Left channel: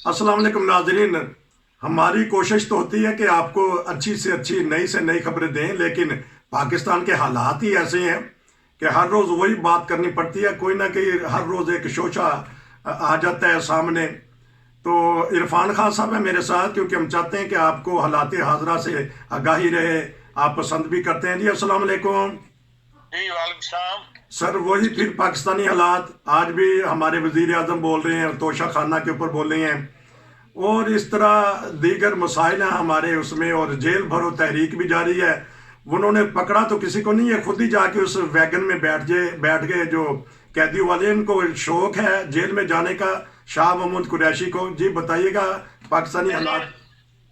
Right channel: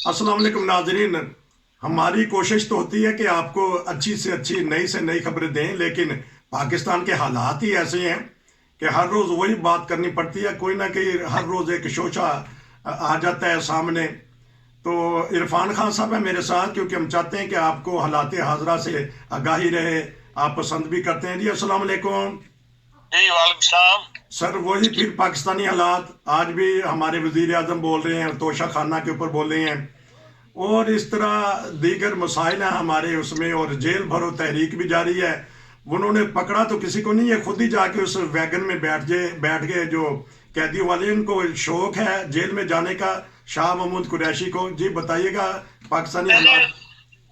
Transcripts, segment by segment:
अस्सलाम वालेकुम नाजरीन। हमारी कोशिश तो होती है कि आपको अच्छी से नई खबरें दें, लेकिन पाकिस्तान के हालात ही ऐसे हैं कि हर रोज़ वही बात करनी पड़ती है। कोई ना कोई हर रोज़ एक शोशा आ जाता है सामने। तो इरफान खान साहब है मेरे साथ, क्योंकि हम चाहते हैं कि आपको हालात हाजरा से आगाही रहे। आप पसंद भी करते हैं जी। अस्सलाम वालेकुम जी वालेकुम सलाम। सर। वही फिर पाकिस्तानी हालात, आज भी हमारे वजीर आजम बोल रहे हैं, तोशा खाना के ऊपर बोल रहे हैं, और इस तरह दीगर मसाइल हैं हमारे उसमें, और जेल भरो तहरीक भी जारी है। उन्होंने पकड़ा तो किसी को नहीं है, खुद ही जाके उस वैगन में बैठ गए जो कैदियों वाले। इनको शौक है जेल में जाने का, शाह महमूद कुरैशी को। जी बताइएगा पाकिस्तानी हालात।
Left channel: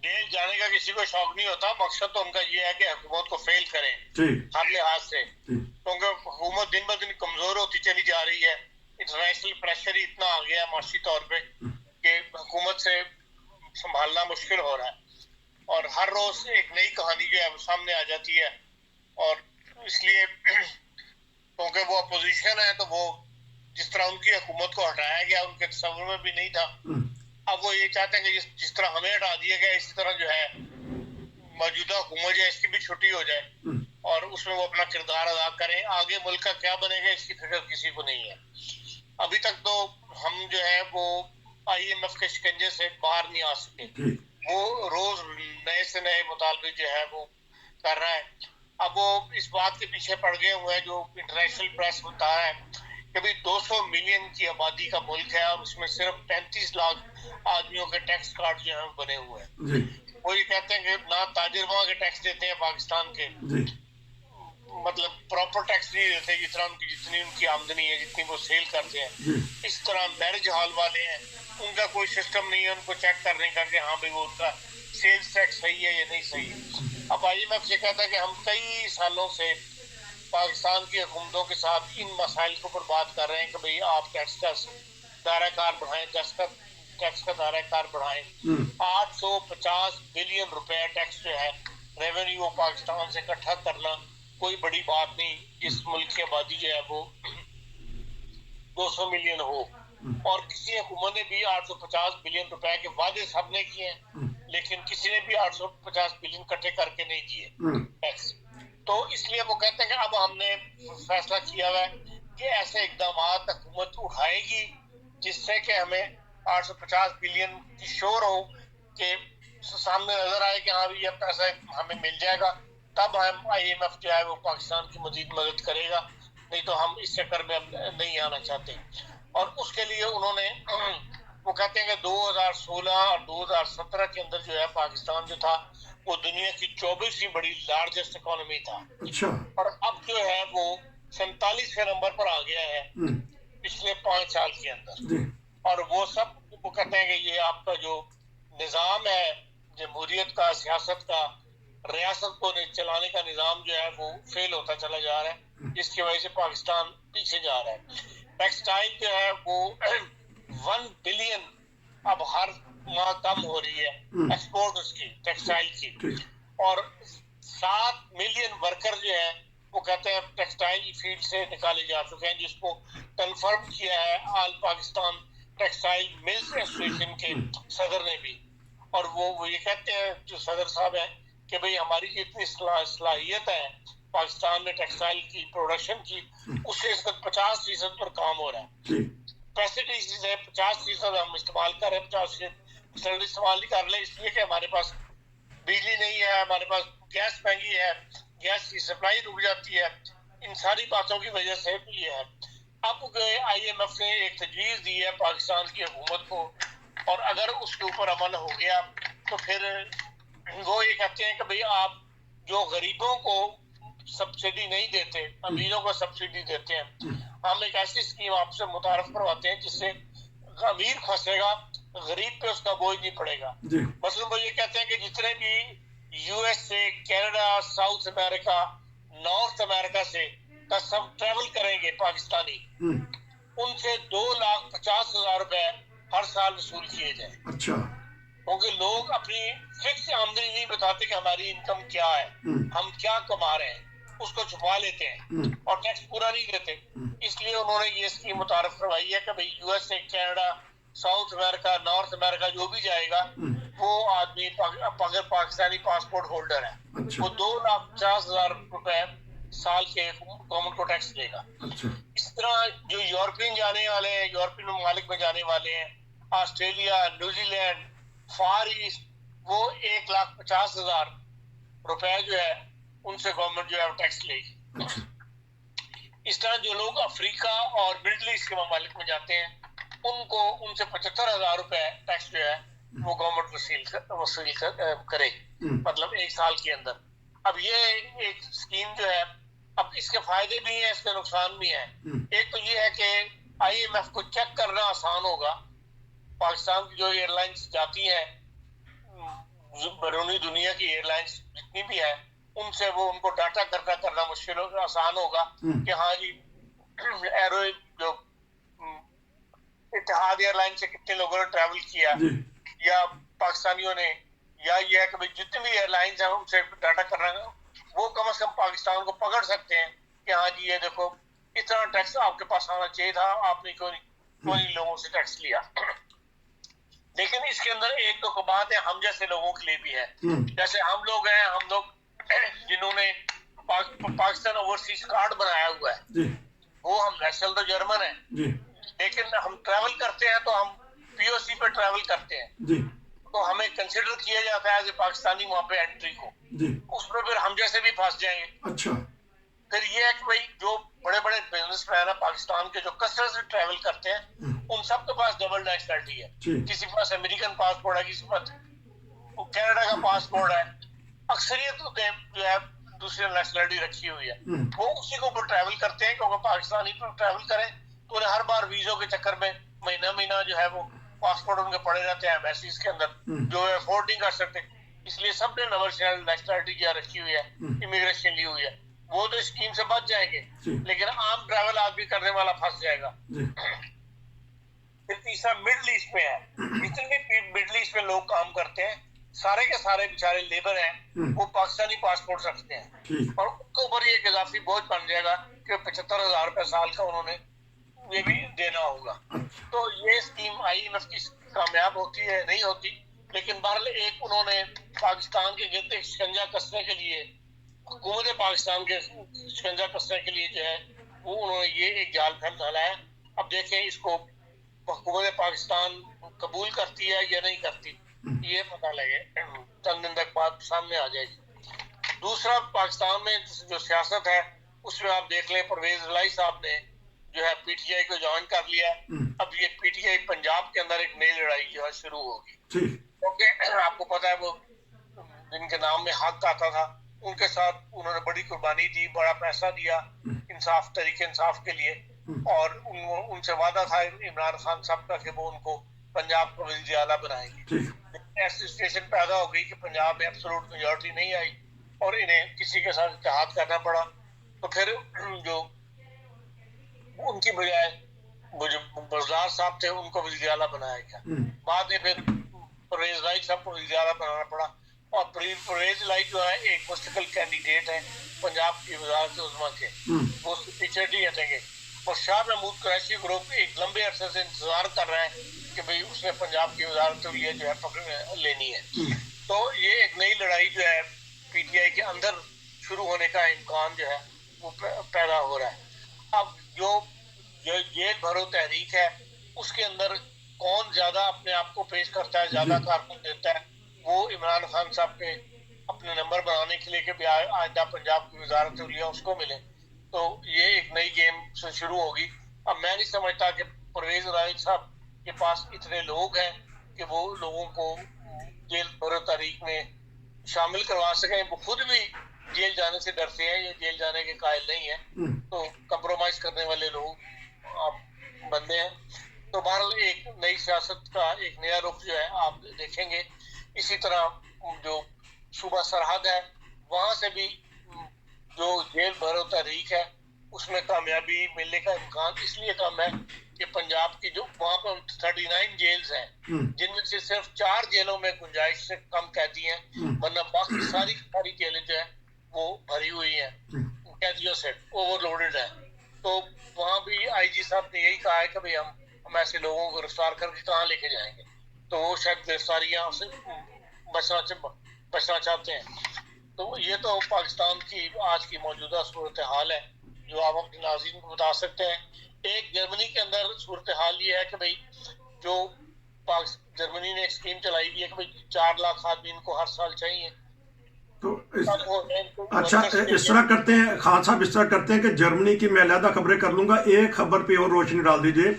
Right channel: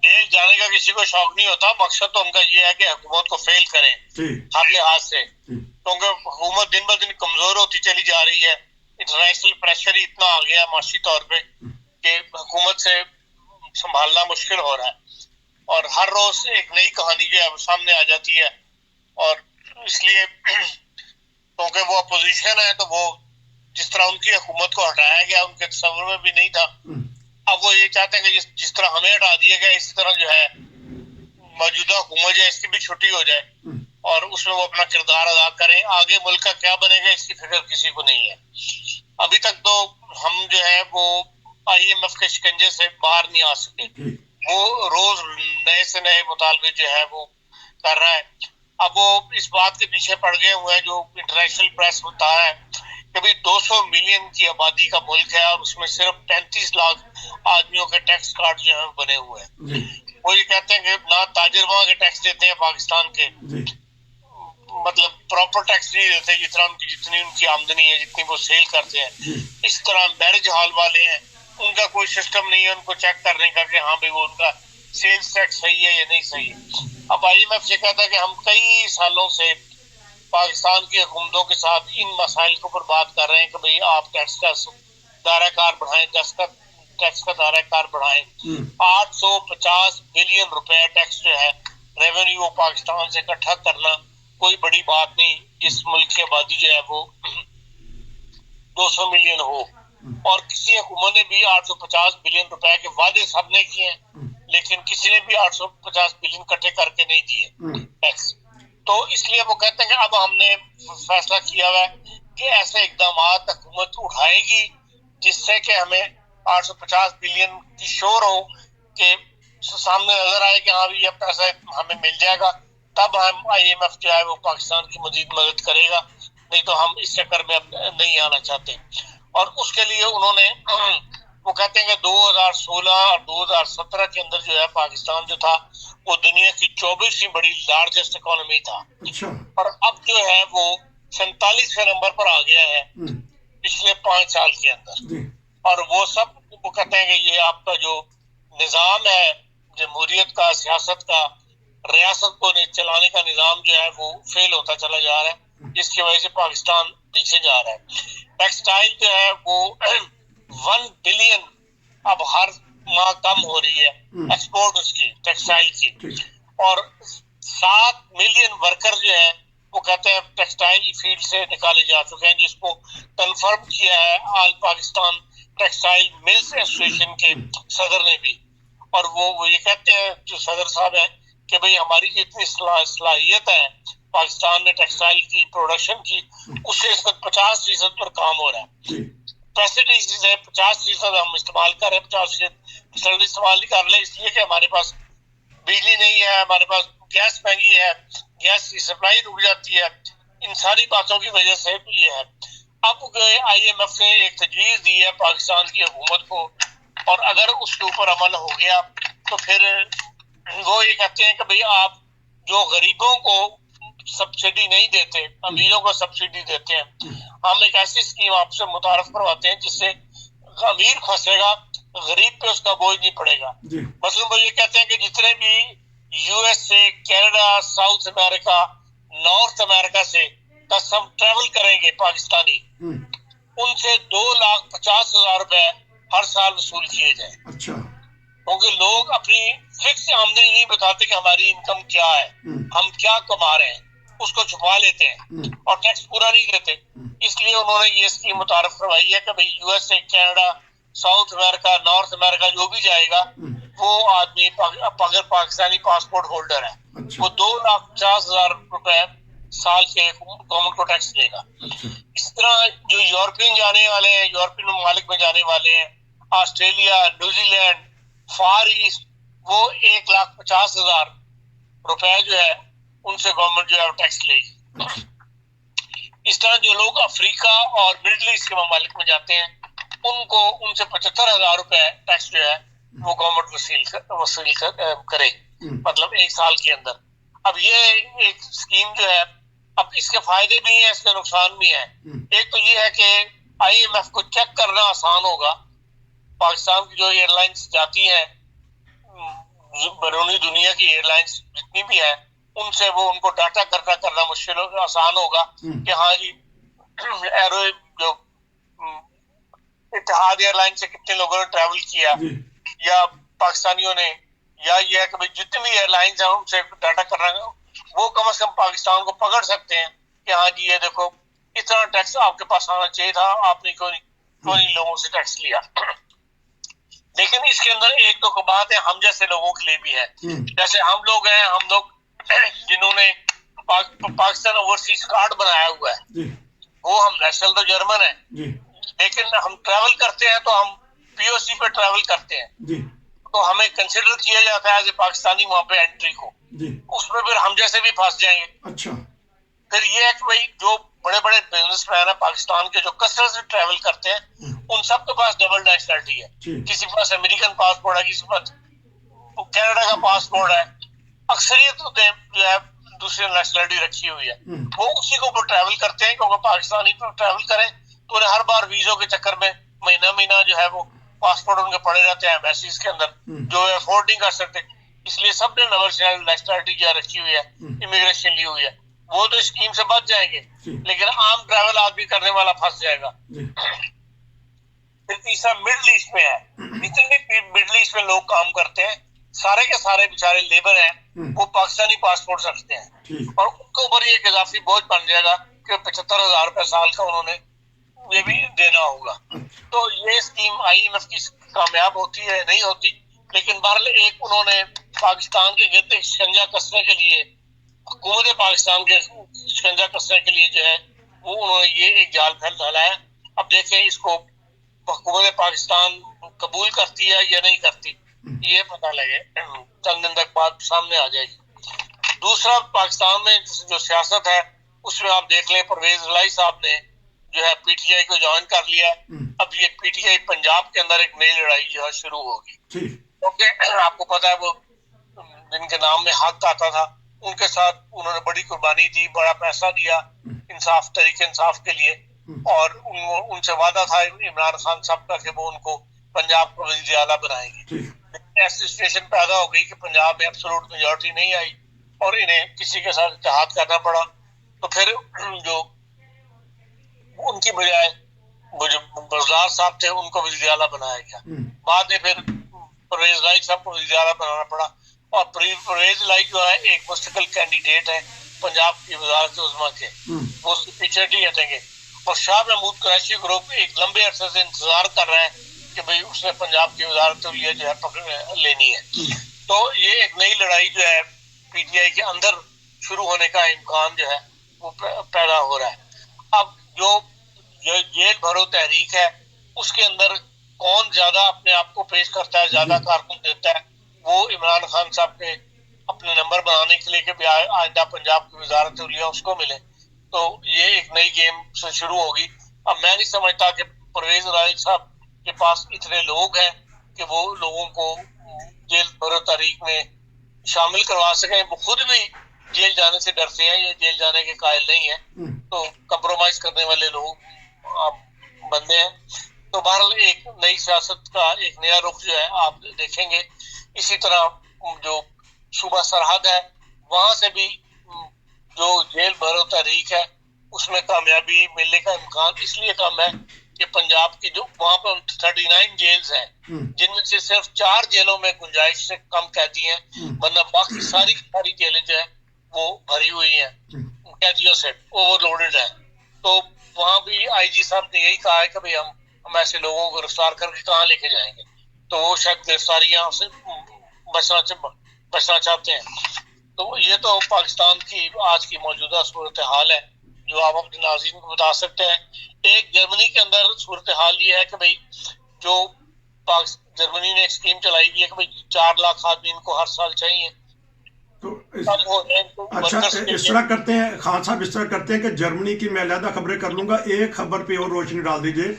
जेल जाने का किसी को शौक नहीं होता, मकसद तो उनका ये है कि हुकूमत को फेल करें जी हर लिहाज से, जी क्योंकि हुकूमत दिन ब दिन कमजोर होती चली जा रही है। इंटरनेशनल प्रेशर ही इतना आ गया माशी तौर पे कि हुकूमत से संभालना मुश्किल हो रहा है, और हर रोज एक नई कहानी जो है सामने आ जाती है। और इसलिए क्योंकि वो अपोजिशन है, तो वो जिस तरह उनकी हुकूमत को हटाया गया उनके तस्वर में भी नहीं था, अब वो ये चाहते हैं कि जिस तरह हमें हटा दिया गया इसी तरह जो है मौजूदा हुकूमत जो है इसकी भी छुट्टी हो जाए और उसमें वो अपना किरदार अदा करें। आगे मुल्क का क्या बनेगा इसकी फिक्र किसी को नहीं है। अभी तक तो हम जो है वो IMF के शिकंजे से बाहर नहीं आ सके। वो रोज नए से नए मुतालबे जो है वो कर रहा है। अब वो इस बात के पीछे पड़ गए हुए हैं, जो इंटरनेशनल प्रेस बता है कि भाई 200 मिलियन की आबादी का मुल्क है और उसमें सिर्फ 35 लाख आदमियों के टैक्स कार्ड जो है बने हुए हैं। वो ये कहते हैं कि ना ताजिर वहां के टैक्स देते हैं पाकिस्तान के, मतलब प्रॉपर टैक्स नहीं देते जितना जितनी उनकी आमदनी है, जितनी वो सेल करते हैं। इस तरह मैरिज हॉल वाले हैं, उनका कोई सिस्टम नहीं है उनको चेक करने का कि हाँ भाई वो उनका सेल्स टैक्स सही है या नहीं सही। अब IMF से कहता है कि हम कई सालों से पाकिस्तान की हुकूमतों के साथ इन मसाइल के ऊपर बात कर रहे हैं कि भाई आप टैक्स का दायरा कार बढ़ाएं, टैक्स का दायरा कार बढ़ाएं। 850 बिलियन रुपए टैक्स जो है रेवेन्यू पाकिस्तान से इकट्ठा करना कोई बड़ी बात नहीं, जिस मुल्क की आबादी जो है वो 200 मिलियन हो। और किसी हुकूमत ने भी 850 बिलियन रुपए के वादे सबने किए हैं, लेकिन किसी ने भी 850 बिलियन इकट्ठे करके नहीं दिए टैक्स। तो इसलिए वो कहते हैं कि अब हमने फैसला किया हुआ है कि ऐसे इकदाम हुकूमत उठाएगी जिससे कि हमें 850 बिलियन की शोर हो कि सामने नजर आए कि हाँ भी ये पैसा हमें मिल जाएगा, तब हम IMF जो है वो पाकिस्तान की मजीद मदद करेगा, नहीं तो हम इस चक्कर में अब नहीं आना चाहते। और उसके लिए उन्होंने वो कहते हैं कि 2016 और 2017 के अंदर जो है पाकिस्तान जो था वो दुनिया की 24वीं बड़ी लार्जेस्ट इकोनॉमी था। अच्छा। और अब जो है वो 47वें नंबर पर आ गया है पिछले 5 साल के अंदर। और वो सब वो कहते हैं कि ये आपका जो निजाम है जमहूरियत का, सियासत का, रियासत को चलाने का निजाम जो है वो फेल होता चला जा रहा है, जिसकी वजह से पाकिस्तान पीछे जा रहा है। टेक्सटाइल जो है वो 1 बिलियन अब हर माह कम हो रही है एक्सपोर्ट उसकी टेक्सटाइल की, और 7 मिलियन वर्कर जो है वो कहते हैं टेक्सटाइल फील्ड से निकाले जा चुके हैं, जिसको कंफर्म किया है all Pakistan textile mills association के सदर ने भी। और वो ये कहते हैं जो सदर साहब है कि भाई हमारी जितनी सलाहियत है पाकिस्तान में टेक्सटाइल की प्रोडक्शन की, उससे इस वक्त 50% पर काम हो रहा है। फैसिलिटीज है 50% हम इस्तेमाल कर रहे हैं, 50% इस्तेमाल नहीं कर रहे, इसलिए कि हमारे पास बिजली नहीं है, हमारे पास गैस महंगी है, गैस की सप्लाई रुक जाती है। इन सारी बातों की वजह से ये है। अब IMF ने एक तजवीज दी है पाकिस्तान की हुकूमत को, और अगर उसके ऊपर अमल हो गया तो फिर वो ये कहते हैं कि भाई आप जो गरीबों को सब्सिडी नहीं देते, अमीरों को सब्सिडी देते हैं, हम एक ऐसी स्कीम आपसे मुतारफ करवाते हैं जिससे अमीर फंसेगा, गरीब पे उसका बोझ नहीं पड़ेगा। मतलब वो ये कहते हैं कि जितने भी USA, Canada, south America, north America से सब ट्रेवल करेंगे पाकिस्तानी, उनसे 2,50,000 रुपए हर साल वसूल किए जाए। अच्छा। क्योंकि लोग अपनी फिक्स आमदनी नहीं बताते कि हमारी इनकम क्या है, हम क्या कमा रहे हैं, उसको छुपा लेते हैं और टैक्स पूरा नहीं देते। इसलिए उन्होंने ये स्कीम मुतारफ करवाई है कि भाई USA, Canada, south America, north America जो भी जाएगा वो आदमी अगर पाकिस्तानी पासपोर्ट होल्डर है अच्छा वो 2,50,000 रुपए साल के गवर्नमेंट को टैक्स देगा। अच्छा इस तरह जो यूरोपियन जाने वाले हैं, यूरोपियन ममालिक में जाने वाले हैं, ऑस्ट्रेलिया, न्यूजीलैंड, फार ईस्ट, वो 1,50,000 रुपए जो है उनसे गवर्नमेंट जो है टैक्स लेगी। अच्छा इस तरह जो लोग अफ्रीका और मिडिल ईस्ट के ममालिक में जाते हैं उनको उनसे 75,000 रुपए टैक्स जो है वो गवर्नमेंट वसूल करे, मतलब एक साल के अंदर। अब ये एक स्कीम जो है, अब इसके फायदे भी हैं, इसके नुकसान भी हैं। एक तो ये है कि IMF को चेक करना आसान होगा। पाकिस्तान की जो एयरलाइंस जाती हैं, बैरूनी दुनिया की एयरलाइंस जितनी भी है, उनसे वो उनको डाटा करना मुश्किल आसान होगा कि हाँ जी एरो जो इत्तेहाद एयरलाइन से कितने लोगों ने ट्रैवल किया या पाकिस्तानियों ने, या ये है कि भाई जितनी भी एयरलाइंस हैं उनसे डाटा करना, वो कम से कम पाकिस्तान को पकड़ सकते हैं कि हाँ जी ये देखो इतना टैक्स आपके पास आना चाहिए था, आपने क्यों नहीं लोगों से टैक्स लिया। लेकिन इसके अंदर एक तो बात है हम जैसे लोगों के लिए भी है, जैसे हम लोग हैं, हम लोग जिन्होंने पाकिस्तान ओवरसीज कार्ड बनाया हुआ है, वो हम नेशनल तो जर्मन है, लेकिन हम ट्रैवल करते हैं तो हम POC पे ट्रैवल करते हैं, तो हमें कंसिडर किया जाता है एज ए पाकिस्तानी वहां पे एंट्री को, उसमें फिर हम जैसे भी फंस जाएंगे। अच्छा फिर ये है कि भाई जो बड़े बड़े बिजनेसमैन है पाकिस्तान के जो कसरत से ट्रैवल करते हैं उन सब के पास डबल नेशनलिटी है, किसी के पास अमेरिकन पासपोर्ट है, किसी के पास कनाडा का पासपोर्ट है, अक्सरियत जो है दूसरी नेशनलिटी रखी हुई है, वो उसी के ऊपर ट्रैवल करते हैं क्योंकि पाकिस्तानी पर ट्रैवल करें तो उन्हें हर बार वीजों के चक्कर में महीना जो है वो पासपोर्ट उनके पड़े रहते हैं एम्बेसीज के अंदर, जो अफोर्ड नहीं कर सकते, इसलिए सबने डबल नेशनलिटी जो रखी हुई है, इमिग्रेशन ली हुई है, वो तो स्कीम से बच जाएंगे, लेकिन आम ट्रैवल आदमी करने वाला फंस जाएगा। फिर तीसरा मिडिल ईस्ट में है, जितने भी मिडिल ईस्ट में लोग काम करते हैं सारे के सारे बेचारे लेबर हैं, वो पाकिस्तानी पासपोर्ट रखते हैं और उनके ऊपर ये इजाफी बोझ बन जाएगा कि 75,000 रुपए साल का उन्होंने ये भी देना होगा। तो ये स्कीम IMF की कामयाब होती है नहीं होती, लेकिन बहरहाल एक उन्होंने पाकिस्तान के गिरते शिकंजा कसने के लिए, हुकूमत पाकिस्तान के शिकंजा कसने के लिए जो है वो उन्होंने ये एक जाल फैलाया। अब देखें इसको हुकूमत पाकिस्तान कबूल करती है या नहीं करती, ये पता लगे, चंद दिन तक बात सामने आ जाएगी। दूसरा, पाकिस्तान में जो सियासत है उसमें आप देख लें, परवेज इलाही साहब ने जो है PTI को ज्वाइन कर लिया। अब ये PTI पंजाब के अंदर एक नई लड़ाई जो है शुरू होगी, क्योंकि आपको पता है वो जिनके नाम में हक आता था उनके साथ उन्होंने बड़ी कुर्बानी दी, बड़ा पैसा दिया इंसाफ, तरीके इंसाफ के लिए, और उनसे वादा था इमरान खान साहब का कि वो उनको पंजाब को वज़ीर आला बनाएंगे। ऐसी सिचुएशन पैदा हो गई कि पंजाब में एब्सोल्यूट मेजॉरिटी नहीं आई और इन्हें किसी के साथ इत्तेहाद करना पड़ा। तो फिर जो उनकी बजाय जो बज़दार साहब थे उनको वज़ीर आला बनाया गया। बाद में फिर परवेज इलाही साहब को वज़ीर आला बनाना पड़ा, और परवेज इलाही जो है एक मुस्तकिल कैंडिडेट है पंजाब की वज़ारत उज़्मा के, वो उसके पीछे नहीं हटेंगे। और शाह महमूद कुरैशी ग्रुप एक लंबे अरसे से इंतजार कर रहा है कि भाई उसने पंजाब की वज़ारत जो है लेनी है। तो ये एक नई लड़ाई जो है PTI के अंदर शुरू होने का इम्कान जो है वो पैदा हो रहा है। अब जो जेल भरो तहरीक है उसके अंदर कौन ज्यादा अपने आप को पेश करता है, ज्यादा कारकुन देता है, वो इमरान खान साहब के अपने नंबर बनाने के लिए कि आइंदा पंजाब की वज़ारत उलिया उसको मिले। तो ये एक नई गेम से शुरू होगी। अब मैं नहीं समझता कि परवेज इलाही साहब के पास इतने लोग हैं कि वो लोगों को जेल भरो तारीख में शामिल करवा सकें। वो खुद भी जेल जाने से डरते हैं, ये जेल जाने के कायल नहीं है, तो कंप्रोमाइज करने वाले लोग बंदे हैं। तो बहरहाल एक नई सियासत का एक नया रुख जो है आप देखेंगे। इसी तरह जो सूबा सरहद है वहां से भी जो जेल भरो तहरीक है उसमें कामयाबी मिलने का इम्कान इसलिए कम है कि पंजाब की जो वहां पर 39 जेल्स हैं, जिनमें से सिर्फ 4 जेलों में गुंजाइश से कम कैदी हैं, वरना बाकी सारी जेलें जो है वो भरी हुई हैं कैदियों से, ओवरलोडेड है। तो वहां भी IG साहब ने यही कहा है कि भाई ہم ایسے لوگوں کو گرفتار کر کے کہاں لے کے جائیں گے؟ تو وہ شاید گرفتاریاں سے بچنا چاہتے ہیں. تو یہ تو پاکستان کی آج کی موجودہ صورتحال ہے جو آپ اپنے ناظرین کو بتا سکتے ہیں. ایک جرمنی کے اندر صورتحال یہ ہے کہ بھائی جو جرمنی نے ایک اسکیم چلائی ہوئی ہے کہ بھائی 4 لاکھ آدمی ان کو ہر سال چاہیے. تو اچھا اس طرح کرتے ہیں خان صاحب، اس طرح کرتے ہیں کہ جرمنی کی میں علیحدہ خبریں کر لوں گا، ایک خبر پہ اور روشنی ڈال دیجئے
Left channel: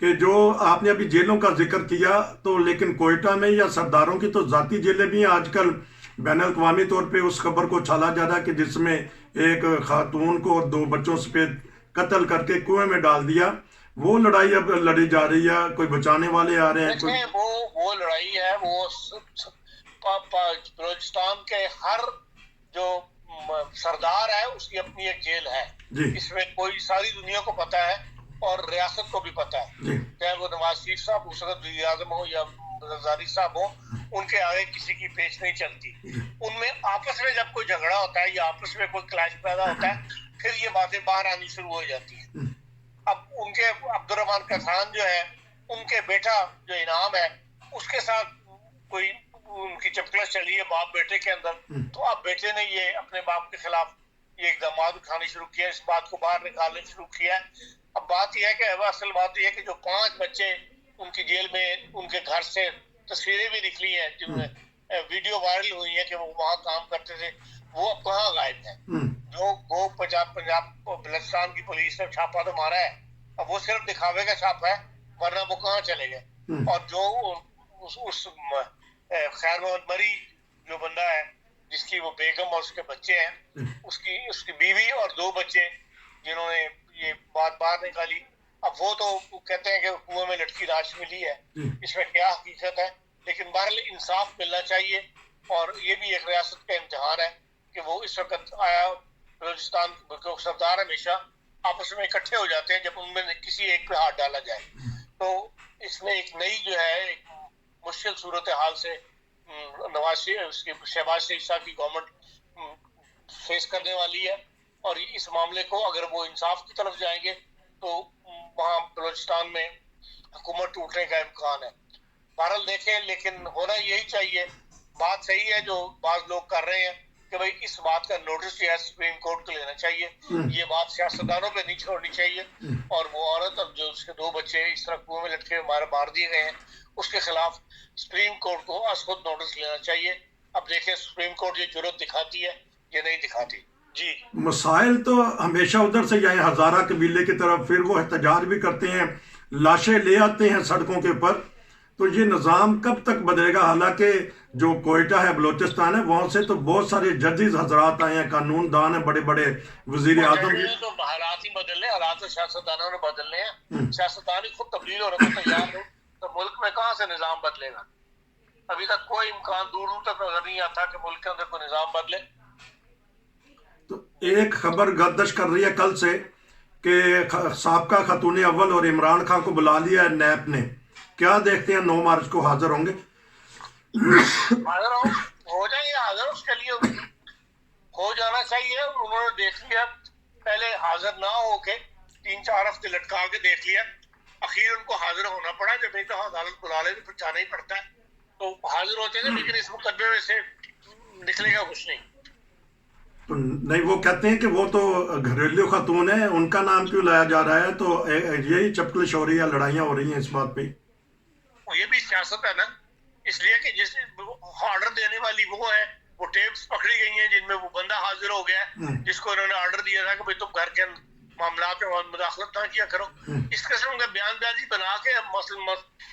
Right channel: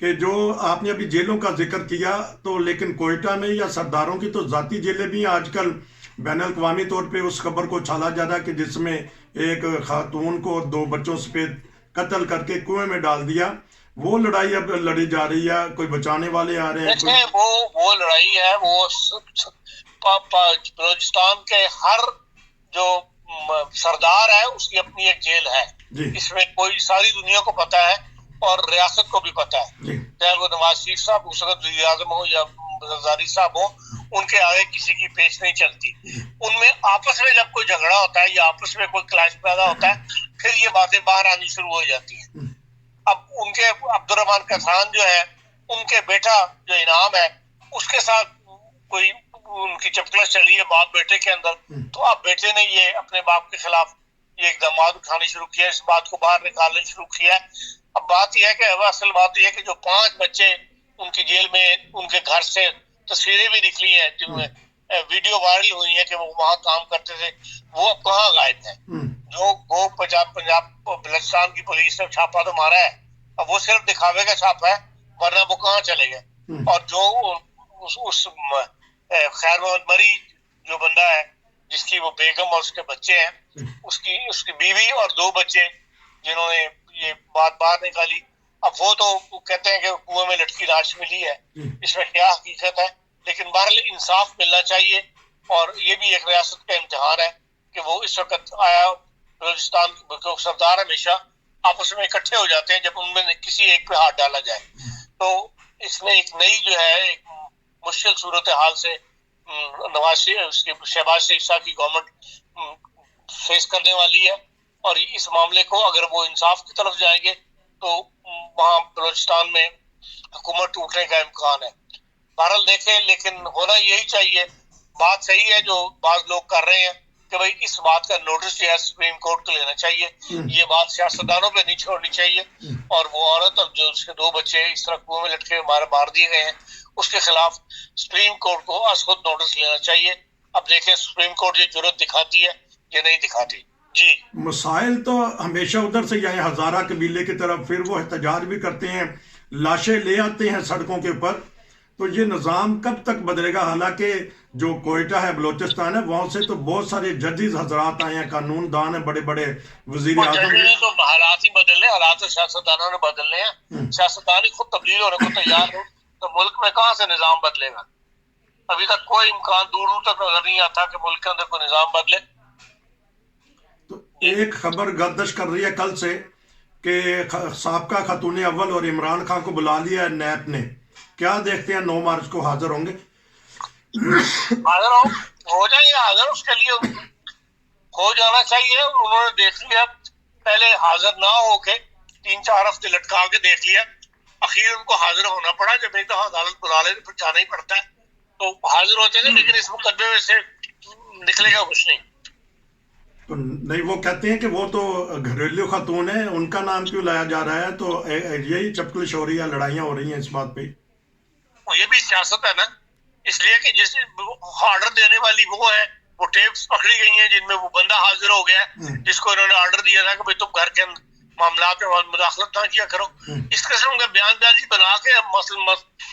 کہ جو آپ نے ابھی جیلوں کا ذکر کیا تو لیکن کوئٹہ میں یا سرداروں کی تو ذاتی جیلیں بھی ہیں آج کل. بین الاقوامی طور پہ اس خبر کو چھالا جا رہا ہے کہ جس میں ایک خاتون کو 2 بچوں سے قتل کر کے کنویں میں ڈال دیا. وہ لڑائی اب لڑی جا رہی ہے، کوئی بچانے والے آ رہے ہیں. وہ لڑائی ہے وہ بلوچستان کے ہر جو سردار ہے اس کی اپنی ایک جیل ہے. اس میں کوئی ساری دنیا کو پتا ہے اور ریاست کو بھی پتا ہے، چاہے وہ نواز شریف صاحب اس وقت وزیر اعظم ہو یا زرداری صاحب ہو، ان کے آگے کسی کی پیش نہیں چلتی. ان میں آپس میں جب کوئی جھگڑا ہوتا ہے یا آپس میں کوئی کلاش پیدا ہوتا ہے پھر یہ باتیں باہر آنی شروع ہو جاتی ہیں. اب ان کے عبد الرحمان کسان جو ہے ان کے بیٹا جو انعام ہے اس کے ساتھ کوئی ان کی چپکلش چلی ہے باپ بیٹے کے اندر، تو اب بیٹے نے یہ اپنے باپ کے خلاف یہ اقدامات اٹھانے شروع کیا، اس بات کو باہر نکالنے شروع کیا. اب بات یہ ہے کہ اصل بات یہ ہے کہ جو 5 بچے ان کی جیل میں ان کے گھر سے تصویریں بھی نکلی ہیں جن میں ویڈیو وائرل ہوئی ہیں کہ وہ وہاں کام کرتے تھے، وہ اب کہاں غائب ہیں. جو وہ پنجاب بلوچستان کی پولیس نے چھاپا تو مارا ہے، اب وہ صرف دکھاوے کا چھاپا ہے، ورنہ وہ کہاں چلے گئے. اور جو اس خیر محمد مری جو بندہ ہے جس کی وہ بیگم اور اس کے بچے ہیں، اس کی بیوی اور 2 بچے جنہوں نے یہ بات باہر نکالی، اب وہ تو کہتے ہیں کہ کنویں میں لٹکی لاش ملی ہے. اس میں کیا حقیقت ہے؟ لیکن بہرحال انصاف ملنا چاہیے، اور یہ بھی ایک ریاست کا امتحان ہے کہ وہ اس وقت آیا بلوچستان کے سردار ہمیشہ آپس میں اکٹھے ہو جاتے ہیں جب ان میں کسی ایک پہ ہاتھ ڈالا جائے. تو اس میں ایک نئی جو ہے ایک مشکل صورتحال سے شہباز شریف صاحب کی گورنمنٹ فیس کرنے والی ہے. اور اس معاملے کو اگر وہ انصاف کی طرف جائیں گے تو وہاں بلوچستان میں حکومت ٹوٹنے کا امکان ہے. بہرحال دیکھیں، لیکن ہونا یہی چاہیے. بات صحیح ہے جو بعض لوگ کر رہے ہیں کہ بھائی اس بات کا نوٹس جو ہے سپریم کورٹ کو لینا چاہیے، یہ بات سیاستدانوں پہ نہیں چھوڑنی چاہیے. اور وہ عورت اور جو اس کے 2 بچے اس طرح کنویں میں لٹکے مار دیے گئے ہیں اس کے خلاف سپریم کورٹ کو از خود نوٹس لینا چاہیے. اب دیکھیں سپریم کورٹ یہ جرات دکھاتی ہے یا نہیں دکھاتی. جی مسائل تو ہمیشہ ادھر سے آئے ہزارہ قبیلے کی طرف، پھر وہ احتجاج بھی کرتے ہیں، لاشیں لے آتے ہیں سڑکوں کے اوپر. تو یہ نظام کب تک بدلے گا؟ حالانکہ جو کوئٹہ ہے بلوچستان ہے وہاں سے تو بہت سارے ججز حضرات آئے ہیں، قانون دان ہیں، بڑے بڑے وزیر اعظم. تو حالات ہی بدلنے، حالات سیاستدانوں نے بدلنے ہیں. سیاستدان ہی خود تبدیل ہونے کو تیار ہو تو ملک میں کہاں سے نظام بدلے گا؟ ابھی تک کوئی امکان دور تک نظر نہیں آتا کہ ملک کے اندر کوئی نظام بدلے. تو ایک خبر گردش کر رہی ہے کل سے کہ سابقہ خاتون اول اور عمران خان کو بلا لیا ہے نیب نے. کیا دیکھتے ہیں 9 مارچ کو حاضر ہوں گے؟ حاضر ہو جائیں گے. حاضر اس کے لیے ہو جانا چاہیے. انہوں نے دیکھ لیا، پہلے حاضر نہ ہو کے 3-4 ہفتے لٹکا کے دیکھ لیا، اخیر ان کو حاضر ہونا پڑا. جب ایک دفعہ عدالت بلا لے تو پھر جانا ہی پڑتا ہے. تو حاضر ہوتے ہیں لیکن اس مقدمے میں سے نکلے گا کچھ نہیں. تو نہیں، وہ کہتے ہیں کہ وہ تو گھریلو خاتون ہے، ان کا نام کیوں لایا جا رہا ہے؟ تو یہی چپکلش ہو رہی ہے، لڑائیاں ہو رہی ہیں اس بات پہ. یہ بھی سیاست ہے نا، اس لیے کہ جس آرڈر دینے والی وہ ہے، وہ ٹیپس پکڑی گئی ہیں جن میں وہ بندہ حاضر ہو گیا جس کو انہوں نے آرڈر دیا تھا کہ تم گھر کے معاملات میں مداخلت نہ کیا کرو. اس قسم کا بیان بازی بنا کے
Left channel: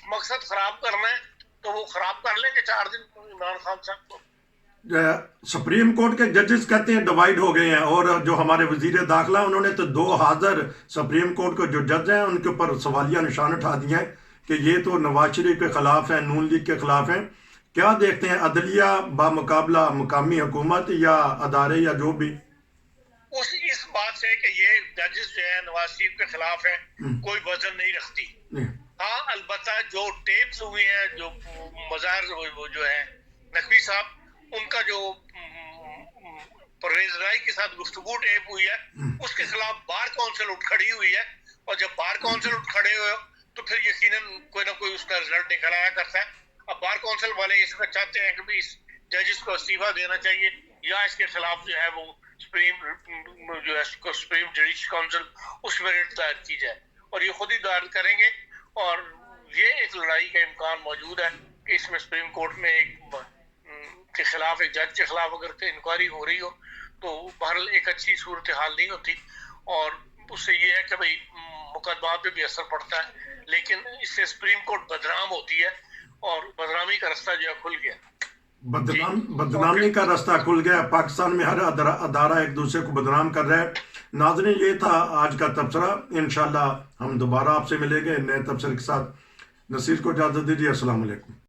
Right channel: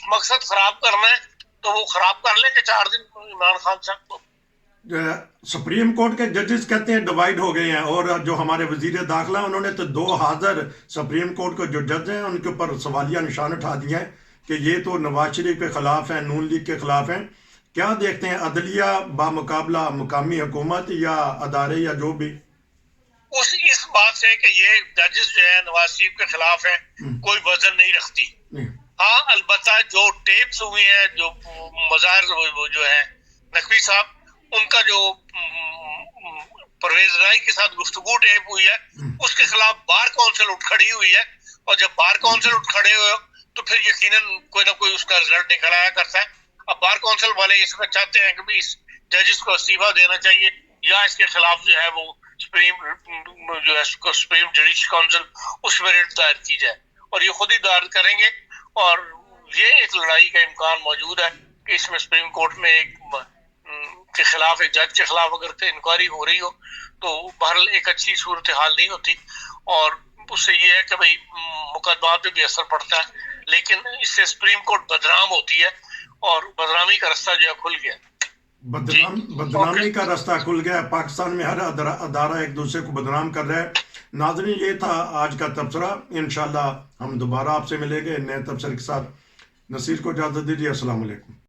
مقصد خراب کرنا ہے تو وہ خراب کر لیں کہ 4 دن عمران خان صاحب کو. سپریم کورٹ کے ججز کہتے ہیں ڈیوائیڈ ہو گئے ہیں، اور جو ہمارے وزیر داخلہ انہوں نے تو 2 حاضر سپریم کورٹ کے جو جج ہیں ان کے اوپر سوالیہ نشان اٹھا دیا ہے کہ یہ تو نواز شریف کے خلاف ہیں، نون لیگ کے خلاف ہیں. کیا دیکھتے ہیں عدلیہ بامقابلہ مقامی حکومت یا ادارے یا جو بھی اس بات سے کہ یہ ججز جو ہے نواز شریف کے خلاف ہیں کوئی وزن نہیں رکھتی. ہاں البتہ جو ٹیپس ہوئے ہیں، جو مظاہر وہ جو ہے نقوی صاحب ان کا جو پرویز رائی کے ساتھ گفتگو ٹیپ ہوئی ہے اس کے خلاف بار کونسل اٹھ کھڑی ہوئی ہے. اور جب بار کونسل اٹھ کھڑے ہوئے تو پھر یقیناً کوئی نہ کوئی اس کا رزلٹ نکل آیا کرتا ہے. اب بار کونسل والے اس میں چاہتے ہیں کہ بھی اس ججز کو استعفیٰ دینا چاہیے یا اس کے خلاف جو ہے وہ سپریم جوڈیشل کونسل اس میں ریٹ دائر کی جائے, اور یہ خود ہی دائر کریں گے. اور یہ ایک لڑائی کا امکان موجود ہے کہ اس میں سپریم کورٹ میں ایک کے خلاف, ایک جج کے خلاف اگر انکوائری ہو رہی ہو تو بہرحال ایک اچھی صورتحال نہیں ہوتی, اور اس سے یہ ہے کہ بھائی مقدمات پہ بھی اثر پڑتا ہے, لیکن اس سے سپریم کورٹ بدنام ہوتی ہے اور بدنامی کا رستہ جو ہے کھل گیا. بدنامی کا راستہ کھل گیا. پاکستان میں ہر ادارہ ایک دوسرے کو بدنام کر رہا ہے. ناظرین, یہ تھا آج کا تبصرہ. انشاءاللہ ہم دوبارہ آپ سے ملیں گے نئے تبصرے کے ساتھ. نصیر کو اجازت دیجیے. السلام علیکم.